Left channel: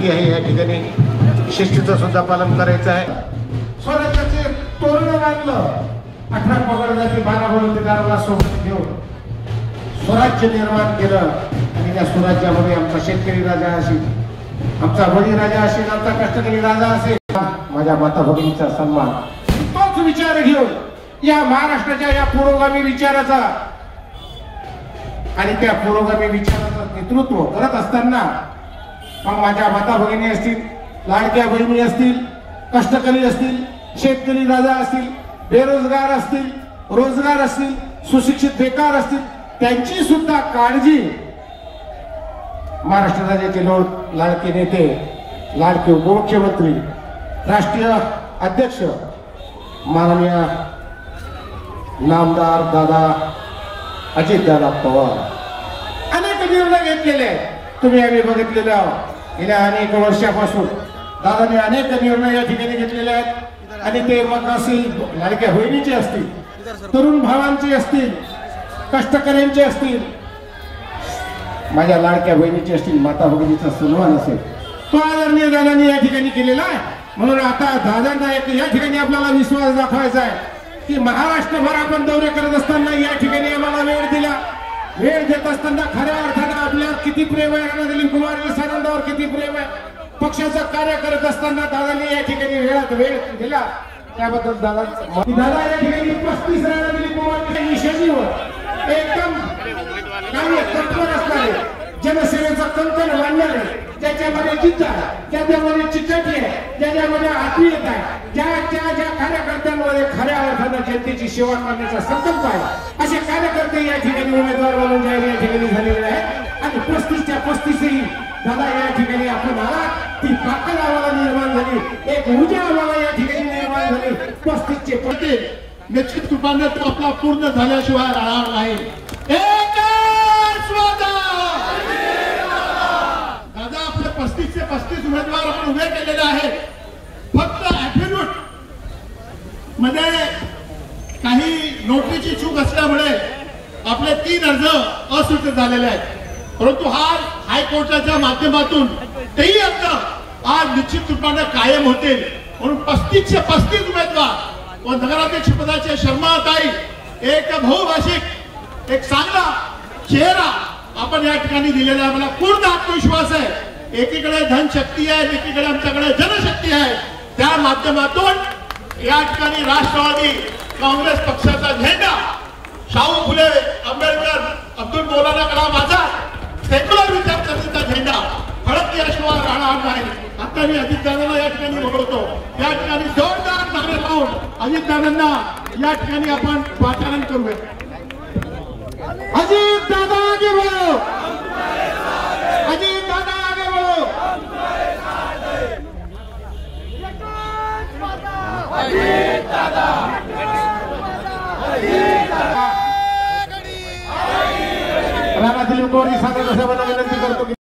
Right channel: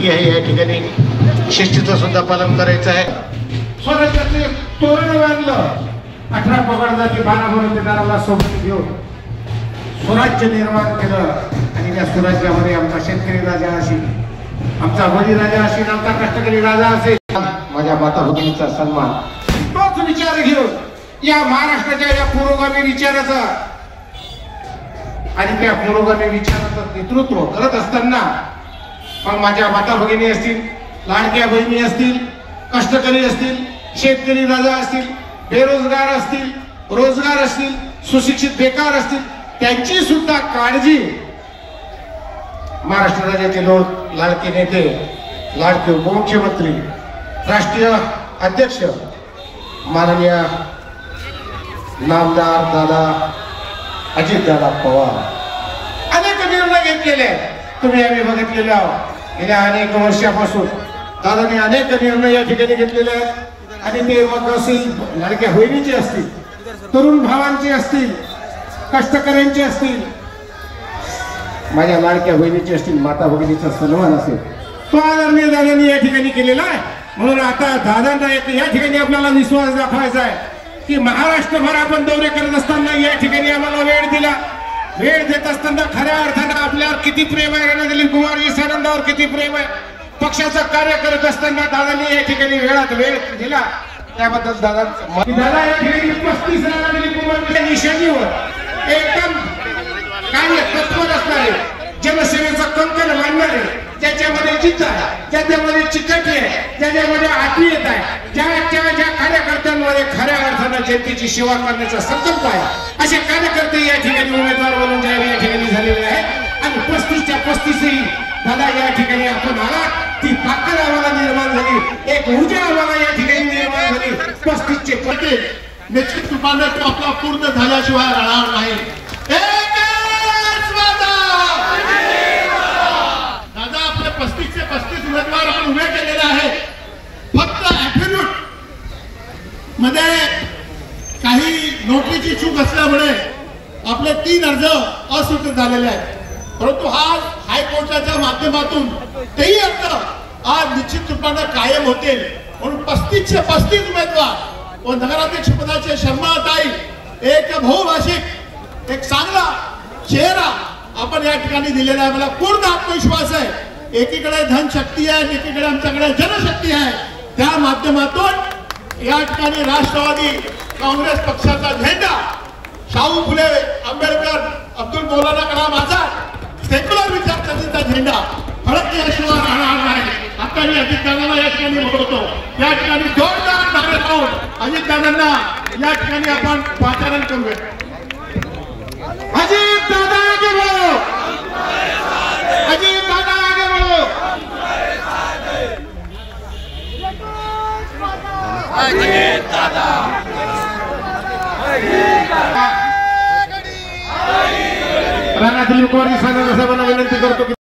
सुट्टी आहे, या ठिकाणी शिस्तीचं सुद्धा पालन करायचं आहे. स्वराज्याचे तोरण बांधलं, 18 पगड जाती 12 बरोबरदाराला सोबत घेऊन स्वराज्य निर्माण केलं. आणि त्या स्वराज्यामध्ये आमचा शेतकरी राजा असेल, आमचा बळीराजा असेल, आमचा कष्टकरी राजा असेल, माझ्या माता भगिनीचा सन्मान, तोच विचार घेऊन या महाराष्ट्राच्या या पुरोगामी विचाराचा आणि त्या पुरोगामी विचाराचं नेतृत्व करत असताना मग माझ्या माता भगिनी असतील, लाडक्या बहिणी असतील, कष्टकरी असतील, शेतकरी राजा असतील, बेरोजगार असतील, रोजगार असतील, सुशिक्षित बेकार असतील, त्यांची सुद्धा काळजी महाराष्ट्र राज्याचे लोक, लाडके नेते, लाडके उपमुख्यमंत्री, राष्ट्रीय अध्यक्ष माननीय नामदार दादा अजितदादा पवार अनेक निर्णय घेतलेले तुम्ही आम्ही बघितलेले आहोत. गेल्या अनेक वर्षापासून दादाने अनेक निर्णय या ठिकाणी घेतलेले आहेत. आणि ते मग असतील लाडक्या बहिणीचे असतील, तरुण भावांचे असतील, कष्टकऱ्यांचे असतील, माझ्या लाडक्या बहिणीचे असतील, माता भगिनीचा सन्मान असेल, तो आदरणीय दादांनी या ठिकाणी केलेला आहे. म्हणून आता दादांना या ठिकाणी आपल्याला विश्वास दाखवायचा आहे की महाराष्ट्रभर आपण दौरे करत असताना या ठिकाणी आम्हाला वेळ दिला. वेळ देत असताना खऱ्या अर्थानं आपल्यावर किती प्रेम आहे, रणदिलीप कुमार ईसानंदावर किती प्रेम आहे, पक्षाचं कार्य करत असताना दादांनी या ठिकाणी वेळात वेळ दिला, त्याबद्दल दादांचं दादा या ठिकाणी 35 रणदिलीप कुमार निशाणीवर एकदम कार्य तत्पर असणारे, जनसेवेचा कंकण मांडणारे, ज्याच्यामध्ये जिद्द आहे, ज्याच्यामध्ये चिकटी आहे, ज्याच्यामध्ये आत्मीयता आहे, ज्या कार्यकर्त्यांमध्ये खऱ्या अर्थानं जनतेची सेवा करण्याचा संकल्प आहे, असे कार्यकर्ते या ठिकाणी उमेदवार म्हणून जाहीर या ठिकाणी झालेले आहेत. आणि 35च्या 35 दादा या ठिकाणी आपण आला, ती ताकद आम्हाला निर्माण झाली, एक ऊर्जा आम्हाला या ठिकाणी निर्माण झाली. 35चे पटे निश्चित रूपाने आपला पूर्ण झाल्याशिवाय राहणार नाही. दादा आपले 35चे 35 उमेदवार आपण उभे केलेले आहे. फक्त ऍफिडेव्हिट मध्ये काही नोटरीची चूक असल्यामुळे आपले 3 अर्ज अस्वीकृत झालेले आहेत. परंतु हा हायकोर्टाच्या माध्यमातून तेही अर्ज आज निश्चित रूपाने कायम होतील. म्हणून 35चे 35 उमेदवार व नगराध्यक्ष पदाचे शर्माताई एक बहुभाषिक एक चांगला चेहरा आपण या ठिकाणी दिलेला आहे. मला पूर्ण आत्मविश्वास आहे. एकीकडे धनशक्ती आहे, एकीकडे आमच्याकडे जनशक्ती आहे. त्या माध्यमातून या ठिकाणी राष्ट्रवादी काँग्रेस पक्षाचा झेंडा, शाहू फुले आंबेडकर, अब्दुल मौलाना कलाम आझाद, सेक्युलर विचारसरणीचा झेंडा फडकल्याशिवाय राहणार नाही. आता मी अजितदादांना या ठिकाणी बोलवतो, या ठिकाणी जोरदार नारे लावून अजितदादांना या ठिकाणी आपण वातावरण करूया. अजितदादा आगे बढ़ो, अजितदादा आगे बढ़ो. अजितदादा रणदिलीप कुमार